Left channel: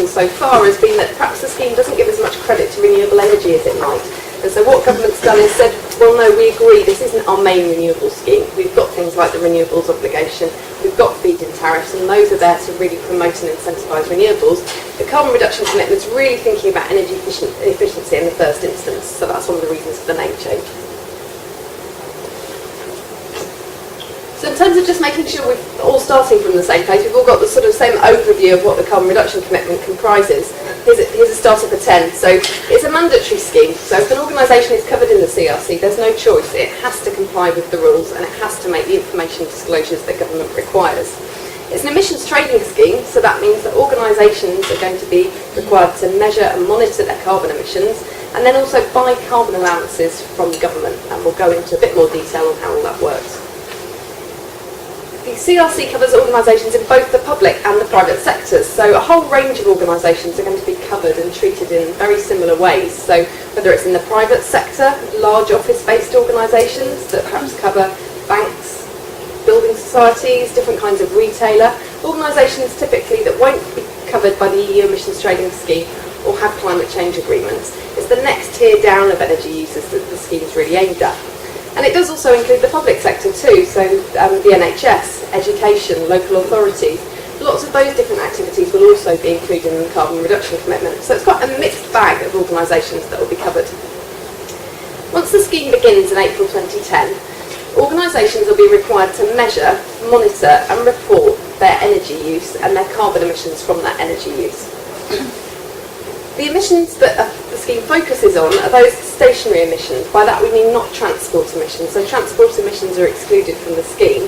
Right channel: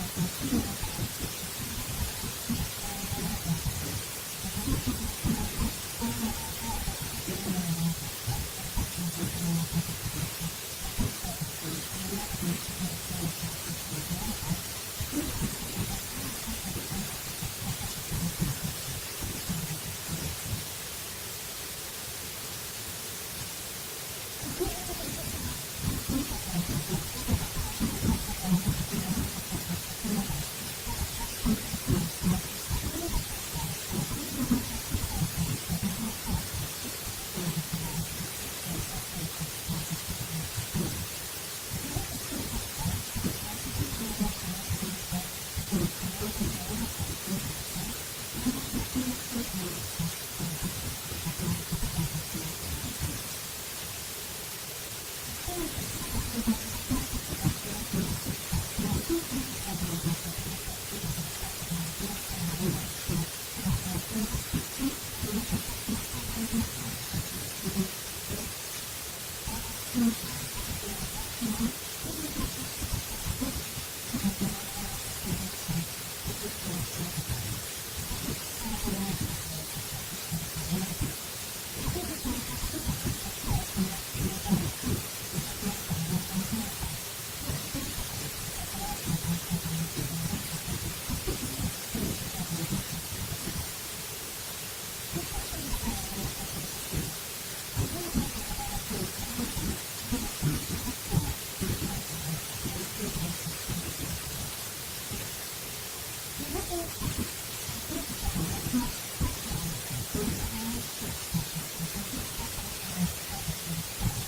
criticism so far has been that perhaps the scheme doesn't give as much credit to renewable energy as it might. And so what government's done is said, well, no, we agree, this isn't our main renewable scheme. We've got things like the renewables obligation, we've got feed-in tariffs, and those are there to really promote and incentivise renewables. The carbon reduction commitment's really thinking about energy efficiency in the first instance, so that's one of the reasons for the name change. So in terms of just making sure we're all starting from the same place, we've all got the sort of same overview of what the carbon reduction commitment comprises. Here's a starter for 10. So it's a mandatory scheme. So if an organisation is covered in the CRC, there's no choice. It has to comply with the rules and it has to make the information disclosures that government requires. It's an emissions trading scheme, so that means that organisations are going to be required to measure and monitor their carbon emissions and then also buy carbon allowances from the government. And we'll go into a bit more detail on how all that works. The CRC covers organisations in both the public and the private sectors, so a whole range of organisations are going to be covered and treated in very similar ways. So whether it's in the private sector, large office-based organisations that perhaps cover banks, building societies, different kinds of retailer, organisations typically that won't be covered by the EU emissions trading scheme or have climate change agreements. It's the next tier down of energy users that the scheme is really aimed at. And it does also include the public sector too, so the NHS, education, local authorities. Lots of those different activities will also be included in the carbon reduction commitment. So it's quite a mixed bag of organisations that will be covered. Once the scheme begins in April 2010, organisations will be required to measure, monitor and report their energy use and their carbon emissions from that energy use. The emissions that the scheme focuses on are those stationary emissions. By that we mean not transport emissions. So transport emissions are excluded from the scheme.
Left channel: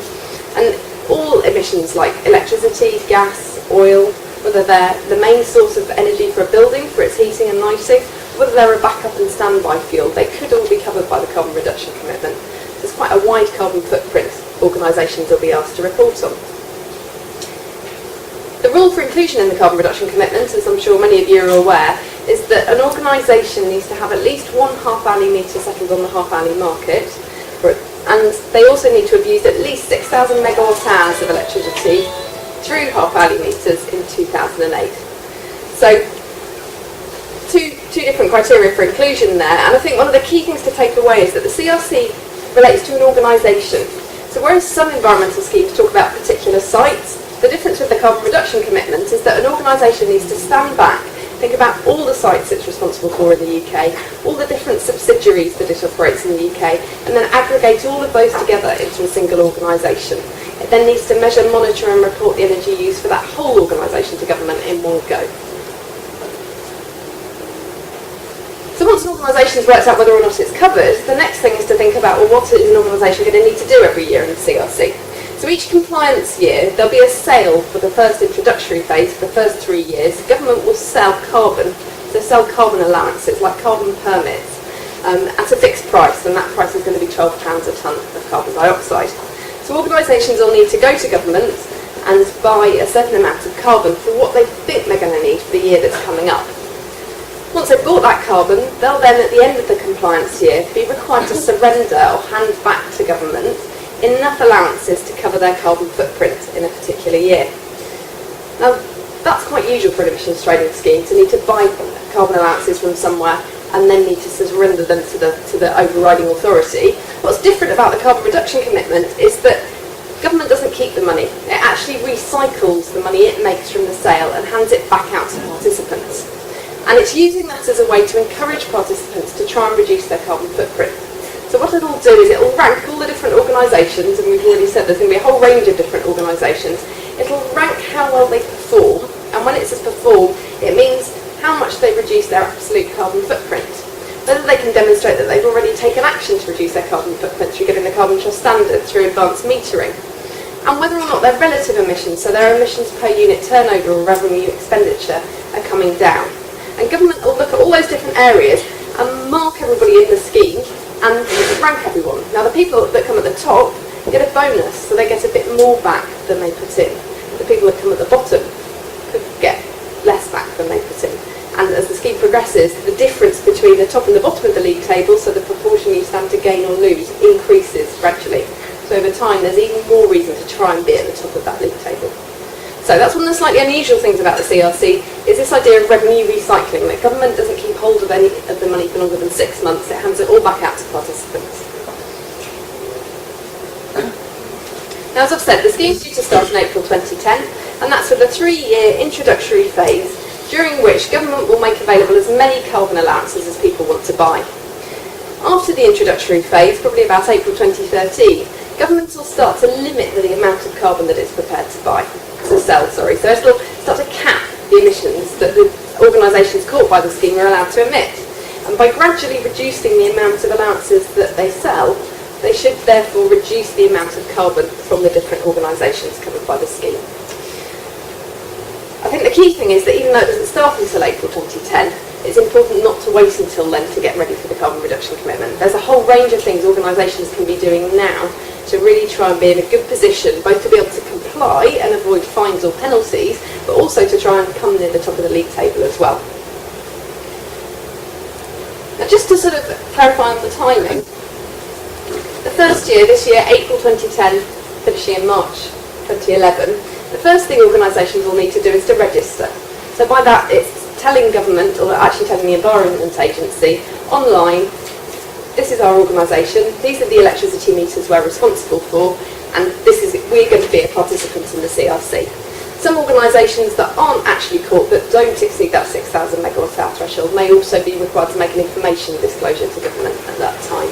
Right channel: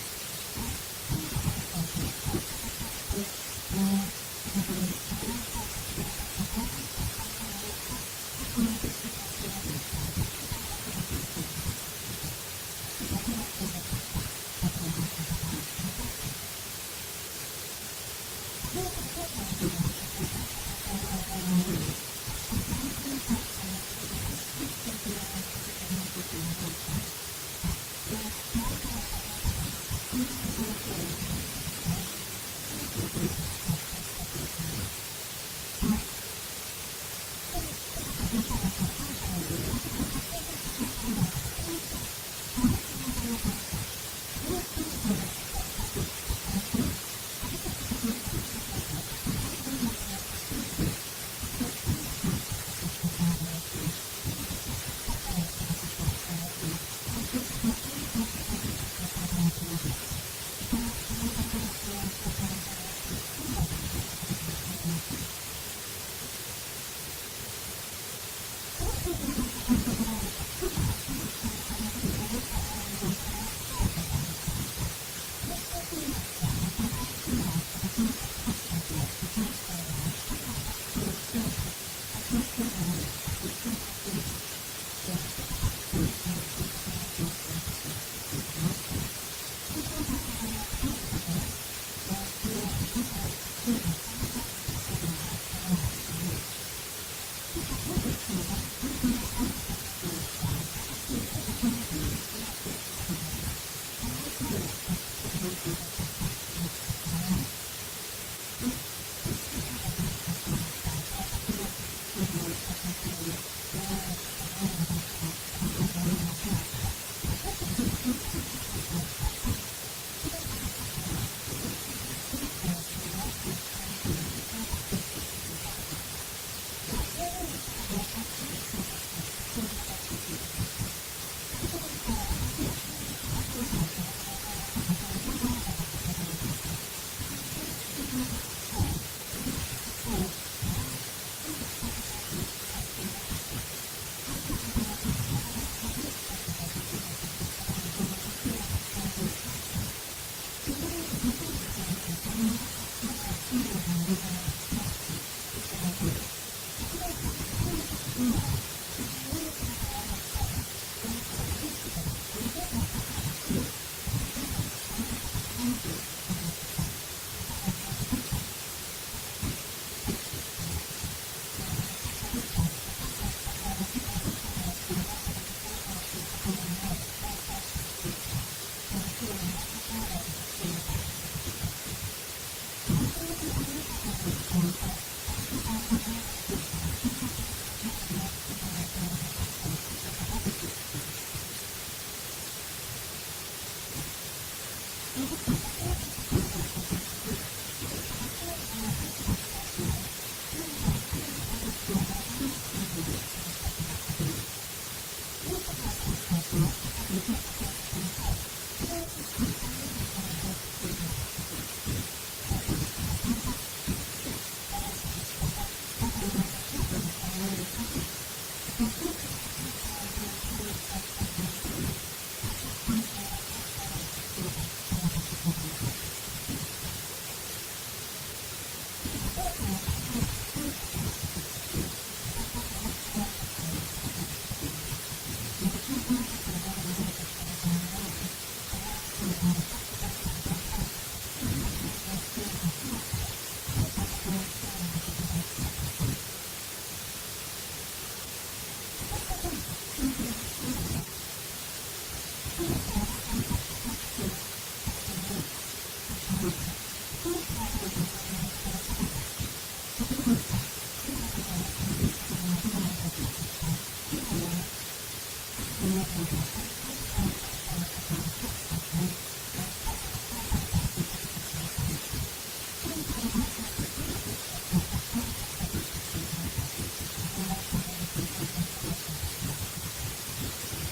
And all emissions like electricity, gas, oil, whether they're the main source of energy for a building, for its heating and lighting, whether they're a backup and standby fuel, they could all be covered by the carbon reduction commitment. There's quite a wide carbon footprint organisations will be asked to report on. The rule for inclusion in the carbon reduction commitment, as I'm sure many of you are aware, is that an organisation needs to have at least one half-hourly metre settled on the half-hourly market, and they also need to have used at least 6,000 megawatt hours of electricity through half-hourly metres in 2008. So, two different criteria for inclusion there, and I think one of the key things to take away is that the CRC relates to an organisation. So whereas some environmental schemes talk about particular sites, the difference with the carbon reduction commitment is that an organisation needs to stand back, think about all the sites it's responsible for in the UK, all the different subsidiaries that it operates in the UK, and then aggregate all of those together into a single organisation. It then needs to measure, monitor and report the energy used for that whole organisation to government in one go. So once an organisation has worked out whether or not it's covered, the next thing is to think about, well, what is an organisation going to need to do every year in the CRC? So each compliance year, there'll be a sale for the first introductory phase for the first 3 years. The government will sell carbon, so sell carbon allowances, like carbon permits, at a fixed price, and that price is going to be £12 a tonne of carbon dioxide. So organisations will need to go to government and buy a certain amount of carbon for what they think they're going to need for the year that's coming up. Once they've bought that carbon, they'll then, at the end of the compliance year, be required to surrender or hand back to government enough allowances to cover their carbon footprint in a particular year. Now, that's quite usual for an emissions trading scheme, to need to buy carbon allowances from somewhere and then need to surrender them to the overriding authority. What's different about the carbon reduction commitment is that government doesn't keep the money. It actually recycles the money it makes from the sale and hands it back out to participants. And it's using that as a way to encourage participants to try and reduce their carbon footprint. So what it'll do is it'll rank all the different organisations, and we've already said there's going to be a whole range of different organisations. It'll rank how well they perform, and when it says perform, it means how much they reduce their absolute carbon footprint. Whether they can demonstrate that they've already taken action to reduce their carbon footprint through getting the carbon trust standard, through advanced metering, and whether or not their relative emissions, so their emissions per unit turnover or revenue expenditure, are coming down. And government will look at all those different areas and mark everybody in the scheme and rank everyone. Now the people that come at the top get a bonus, so they get a bit more back than they put in. The people that come at the bottom could get less back than they put in. And as the scheme progresses, the difference between the top and the bottom of the league table, so the proportion you stand to gain or lose, increases gradually. So over time there's even more reason to try and be at the top of that league table. So that's one of the slightly unusual things about the CRC, is this idea of revenue recycling, that government doesn't keep hold of any of the money for longer than 6 months, it hands it all back out to participants. Now, as I've said, the scheme's due to start in April 2010, and that's with a 3-year introductory phase, during which government will make available as many carbon allowances as people want to buy. After the introductory phase, probably about April 2013, government will start to limit the amount of carbon that it's prepared to sell. So it'll start to cap the emissions that the organisations caught by the scheme are allowed to emit. And by gradually reducing the amount of allowances that they sell, they should therefore reduce the amount of carbon from the different organisations covered by the scheme. I think the key thing is that even though it doesn't start until April 2010, it's important not to wait until then to get ready for the carbon reduction commitment. There's a whole range of things organisations can be doing now to really try and be in a good position, both to be able to comply and avoid fines or penalties, but also to try and come near the top of the league table as well. Now, just to sort of clarify on the timing, the first year, this year, April 2010, finishing in March 2011, the first thing organisations will need to do is to register. So by that, it's telling government, or actually telling the Environment Agency, online, this is our organisation, these are the electricity meters we're responsible for, and we're going to be a participant in the CRC. Some organisations that aren't actually caught, that don't exceed that 6,000 megawatt hour threshold, may also be required to make an information disclosure to government at that time.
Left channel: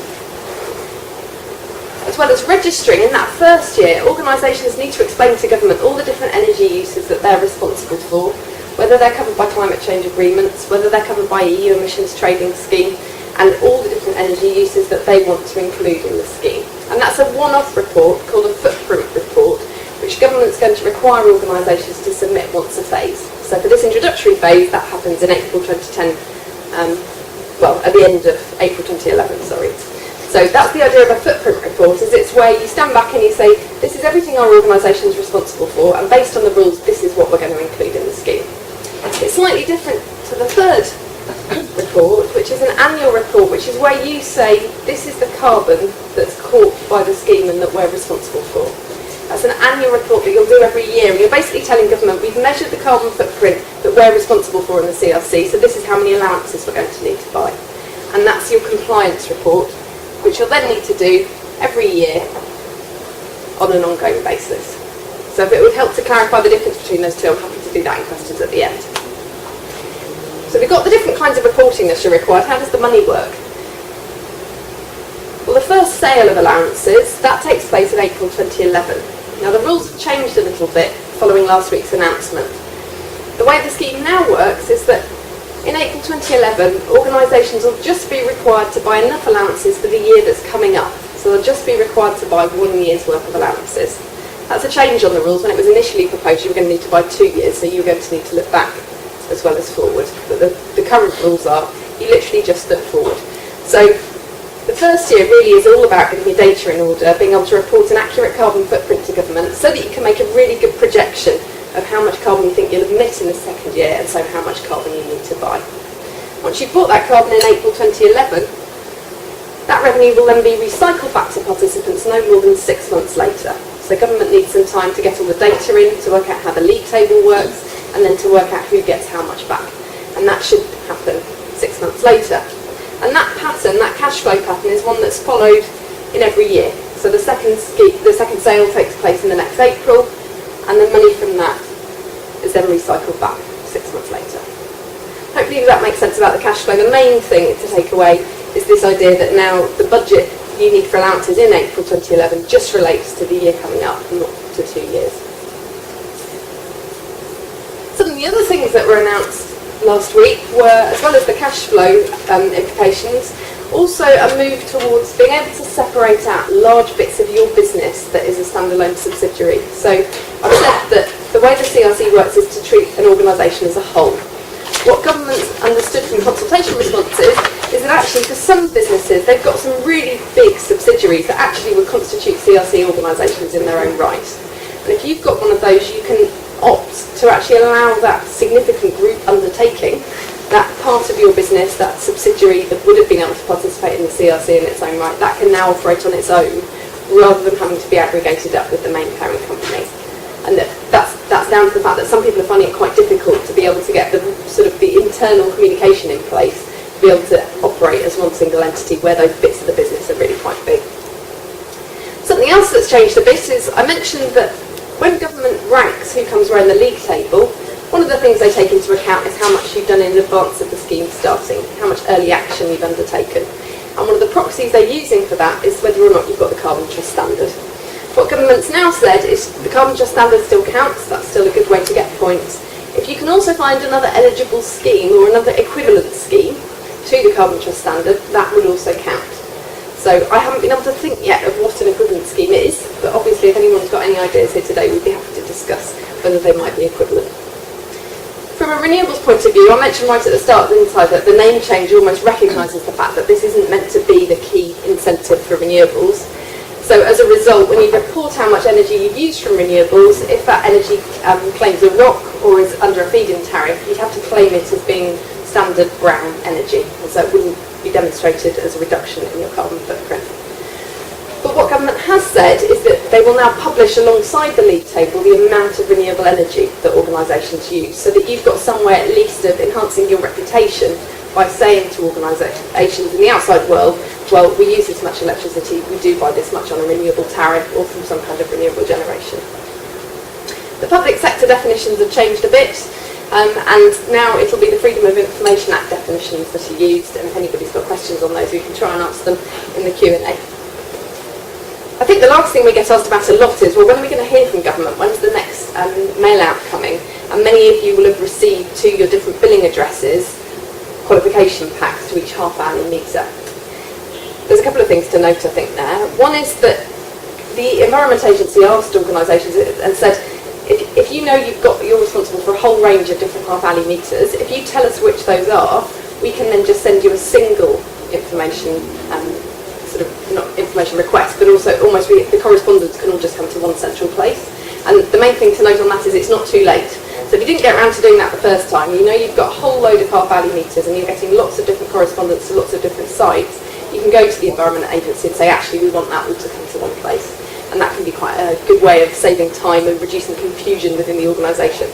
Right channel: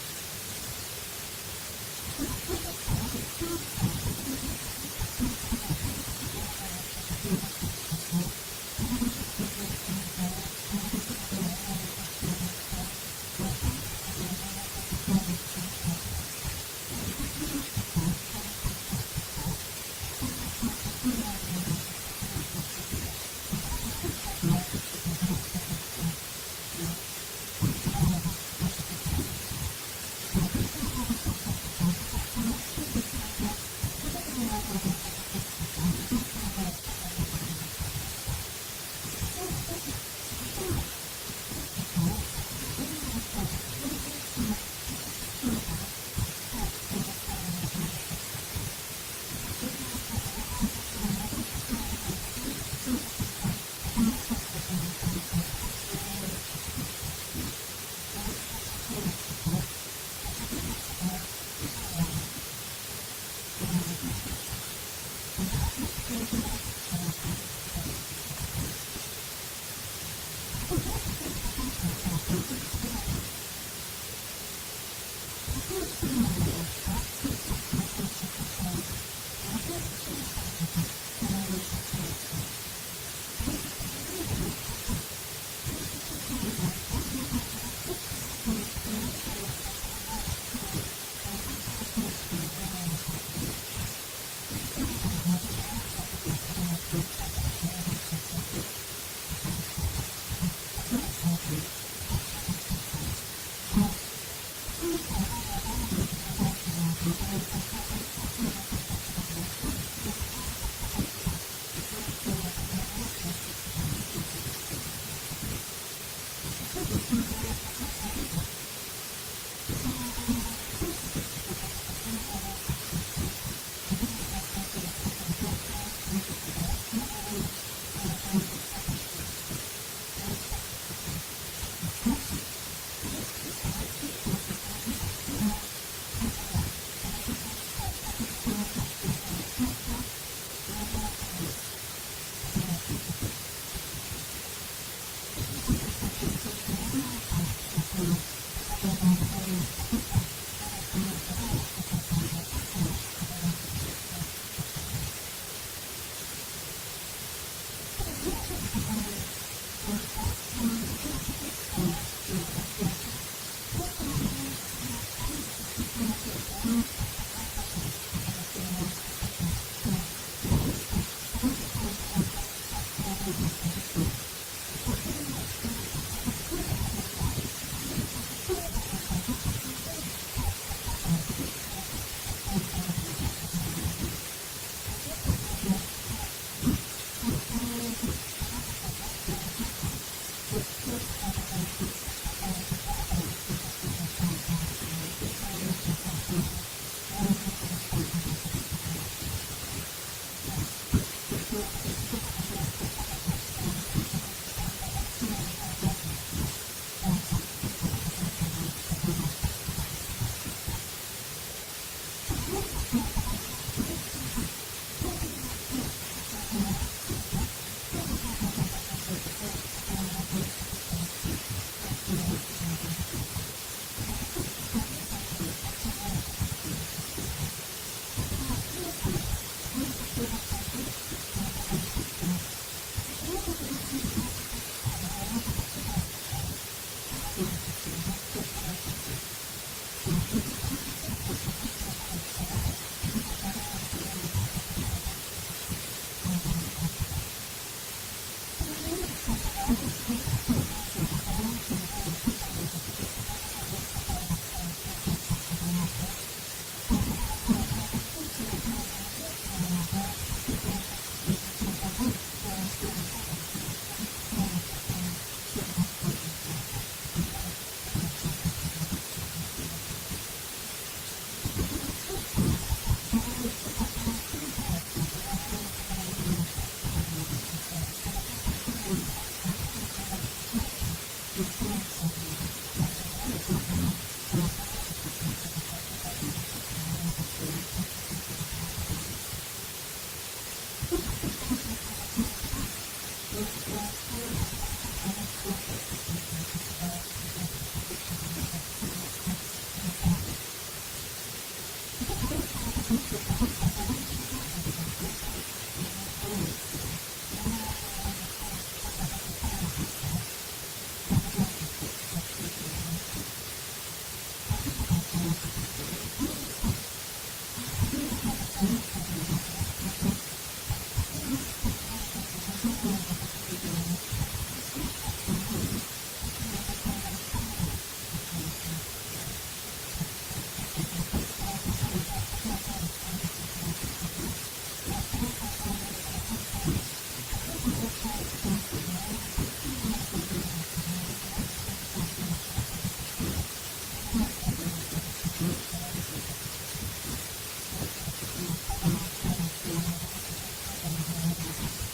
As well as registering, in that first year, organisations need to explain to government all the different energy uses that they're responsible for, whether they're covered by climate change agreements, whether they're covered by EU emissions trading scheme, and all the different energy uses that they want to include in the scheme. And that's a one-off report called a footprint report, which government's going to require organisations to submit once a phase. So for this introductory phase, that happens in April 2010, at the end of April 2011, sorry. So that's the idea of a footprint report, is it's where you stand back and you say, this is everything our organisation is responsible for, and based on the rules, this is what we're going to include in the scheme. It's slightly different to the third report, which is an annual report, which is where you say, this is the carbon that's caught by the scheme and that we're responsible for. That's an annual report that you'll do every year, and you're basically telling government, we've measured the carbon footprint that we're responsible for in the CRC, so this is how many allowances we're going to need to buy. And that's your compliance report, which you'll then need to do every year on an ongoing basis. So if it would help to clarify the difference between those two, I'm happy to do that in questions at the end. So we've got the different kinds of reporting that are required. How does the money work? Well, the first sale of allowances, that takes place in April 2011. Now, the rules have changed a little bit following last week's announcement. The way the scheme now works is that in April 2011, organisations will just be required to buy enough allowances for the year that's coming up. So they'll just be required to buy 1 year's worth of allowances. That's a change on the rules. When it was initially proposed, you were going to need to buy 2 years, so you were going to need to look back as well as forward. But the current rules are, you literally just look forward. So the first year really is all about getting your data in order, being able to report an accurate carbon footprint to government so that you can make a really good projection of how much carbon you think you'll emit in the second year, and so how much carbon you need to buy. Once you've bought that carbon in April 2011, that revenue will then be recycled back to participants no more than 6 months later. So government needs some time to get all the data in, to work out how the league table works, and then to work out who gets how much back. And that should happen 6 months later. And that pattern, that cash flow pattern, is one that's followed in every year. So the second sale takes place in the next April, and the money from that is then recycled back 6 months later. Hopefully that makes sense about the cash flow. The main thing to take away is this idea that now the budget you need for allowances in April 2011 just relates to the year coming up, not to 2 years. Some of the other things that were announced last week were, as well as the cash flow implications, also a move towards being able to separate out large bits of your business that is a standalone subsidiary. So I've said that the way the CRC works is to treat an organisation as a whole. What government's understood from consultation responses is that actually for some businesses they've got some really big subsidiaries that actually would constitute CRC organisations in their own right. And if you've got one of those, you can opt to actually allow that significant group undertaking, that part of your business, that subsidiary that would have been able to participate in the CRC in its own right, that can now operate on its own rather than having to be aggregated up with the main parent company. And that's that's down to the fact that some people are finding it quite difficult to be able to get the sort of the internal communication in place to be able to operate as one single entity where those bits of the business are really quite big. Something else that's changed a bit is I mentioned that when government ranks who comes around the league table, one of the things they take into account is how much you've done in advance of the scheme starting, how much early action you've undertaken. And one of the proxies they're using for that is whether or not you've got the carbon trust standard. What government's now said is the carbon trust standard still counts, that's still a good way to get points. If you can also find another eligible scheme or another equivalent scheme to the carbon trust standard, that would also count. So I haven't been able to think yet of what an equivalent scheme is, but obviously if anyone's got any ideas here today, we'd be happy to discuss whether they might be equivalent. From a renewables point of view, I mentioned right at the start, didn't I, that the name change almost recognises the fact that this isn't meant to be the key incentive for renewables. So as a result, when you report how much energy you've used from renewables, if that energy claims a ROC or is under a feed-in tariff, you'd have to claim it as being standard brown energy, and so it wouldn't be demonstrated as a reduction in your carbon footprint. But what government has said is that they will now publish alongside the league table the amount of renewable energy that organisations use, so that you've got some way at least of enhancing your reputation by saying to organisations in the outside world, well, we use this much electricity, we do buy this much on a renewable tariff or from some kind of renewable generation. The public sector definitions have changed a bit, and now it'll be the Freedom of Information Act definitions that are used, and if anybody's got questions on those, we can try and answer them in the Q&A. I think the last thing we get asked about a lot is, well, when are we going to hear from government? When's the next mail-out coming? And many of you will have received to your different billing addresses qualification packs to each half-hourly meter. There's a couple of things to note, I think, there. One is that the Environment Agency asked organisations and said, if you know you're responsible for a whole range of different half-hourly meters, if you tell us which those are, we can then just send you a single information not information request, but also almost the correspondence can all just come to one central place. And the main thing to note on that is it's not too late. So if you didn't get around to doing that the first time, you know you've got a whole load of half-hourly meters and you're getting lots of different correspondence to lots of different sites. You can go to the Environment Agency and say, actually, we want that all to come to one place. And that can be quite a good way of saving time and reducing confusion within the organisation.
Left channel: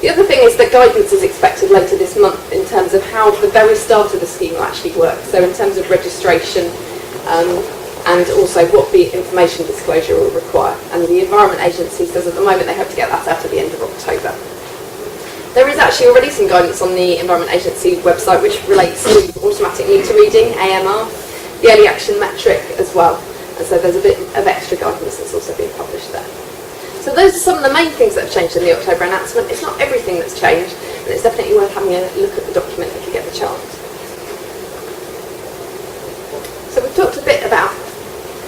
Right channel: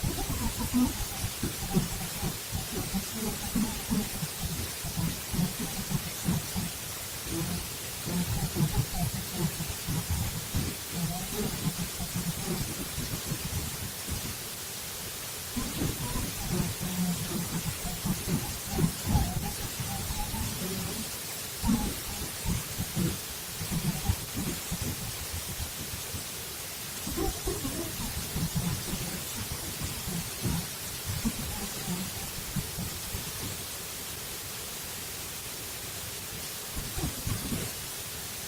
The other thing is that guidance is expected later this month in terms of how the very start of the scheme will actually work. So in terms of registration, and also what the information disclosure will require. And the Environment Agency says at the moment they hope to get that out at the end of October. There is actually already some guidance on the Environment Agency website which relates to automatic meter reading, AMR, the early action metric as well. And so there's a bit of extra guidance that's also being published there. So those are some of the main things that have changed in the October announcement. It's not everything that's changed, and it's definitely worth having a look at the document if you get the chance. So we've talked a bit about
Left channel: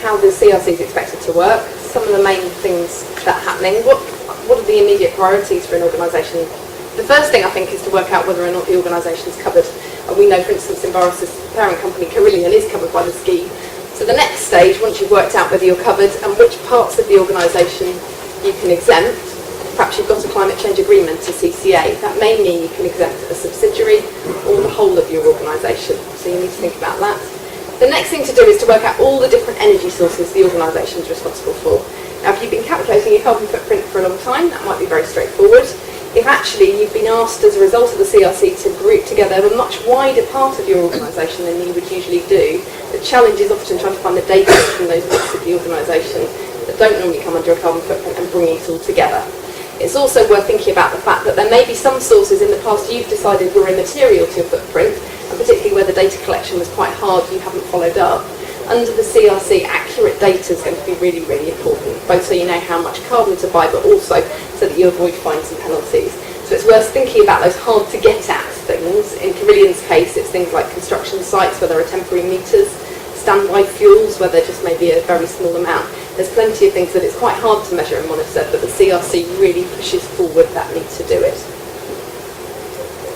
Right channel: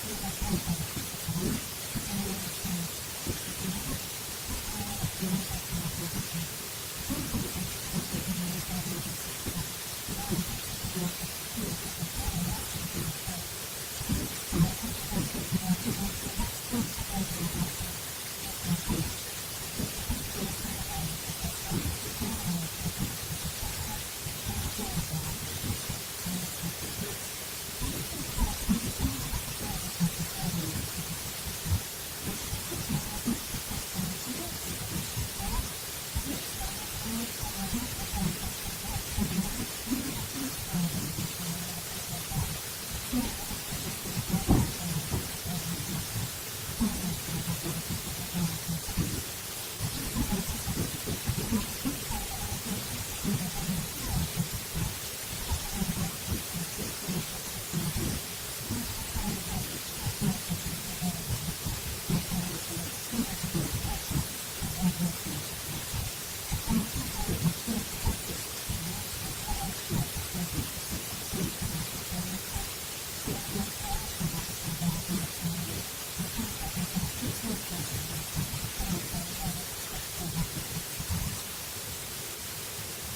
how the CRC is expected to work, some of the main things that are happening. What are the immediate priorities for an organisation? The first thing I think is to work out whether or not the organisation is covered. And we know, for instance, Enviros' parent company, Carillion, is covered by the scheme. So the next stage, once you've worked out whether you're covered and which parts of the organisation you can exempt, perhaps you've got a climate change agreement, a CCA, that may mean you can exempt a subsidiary or the whole of your organisation. So you need to think about that. The next thing to do is to work out all the different energy sources the organisation is responsible for. Now, if you've been calculating your carbon footprint for a long time, that might be very straightforward. If actually you've been asked as a result of the CRC to group together a much wider part of your organisation than you would usually do, the challenge is often trying to find the data from those bits of the organisation that don't normally come under a carbon footprint and bring it all together. It's also worth thinking about the fact that there may be some sources in the past you've decided were immaterial to your footprint, and particularly where the data collection was quite hard, you haven't followed up. Under the CRC, accurate data is going to be really, really important, both so you know how much carbon to buy, but also so that you avoid fines and penalties. So it's worth thinking about those hard-to-get-at things. In Carillion's case, it's things like construction sites where there are temporary meters, standby fuels where there just may be a very small amount. There's plenty of things that it's quite hard to measure and monitor, but the CRC really pushes forward that need to do it.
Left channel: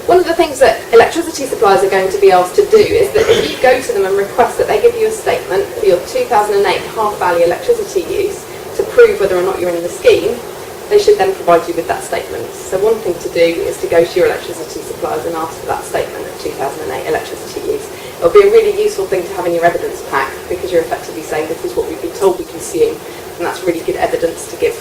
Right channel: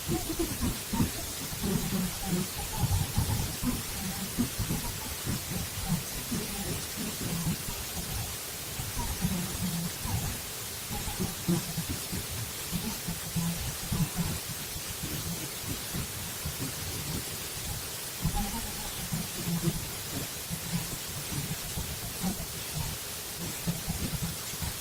One of the things that electricity suppliers are going to be asked to do is that if you go to them and request that they give you a statement for your 2008 half-hourly electricity use to prove whether or not you're in the scheme, they should then provide you with that statement. So one thing to do is to go to your electricity suppliers and ask for that statement of 2008 electricity use. It'll be a really useful thing to have in your evidence pack because you're effectively saying this is what we've been told we consume, and that's really good evidence to give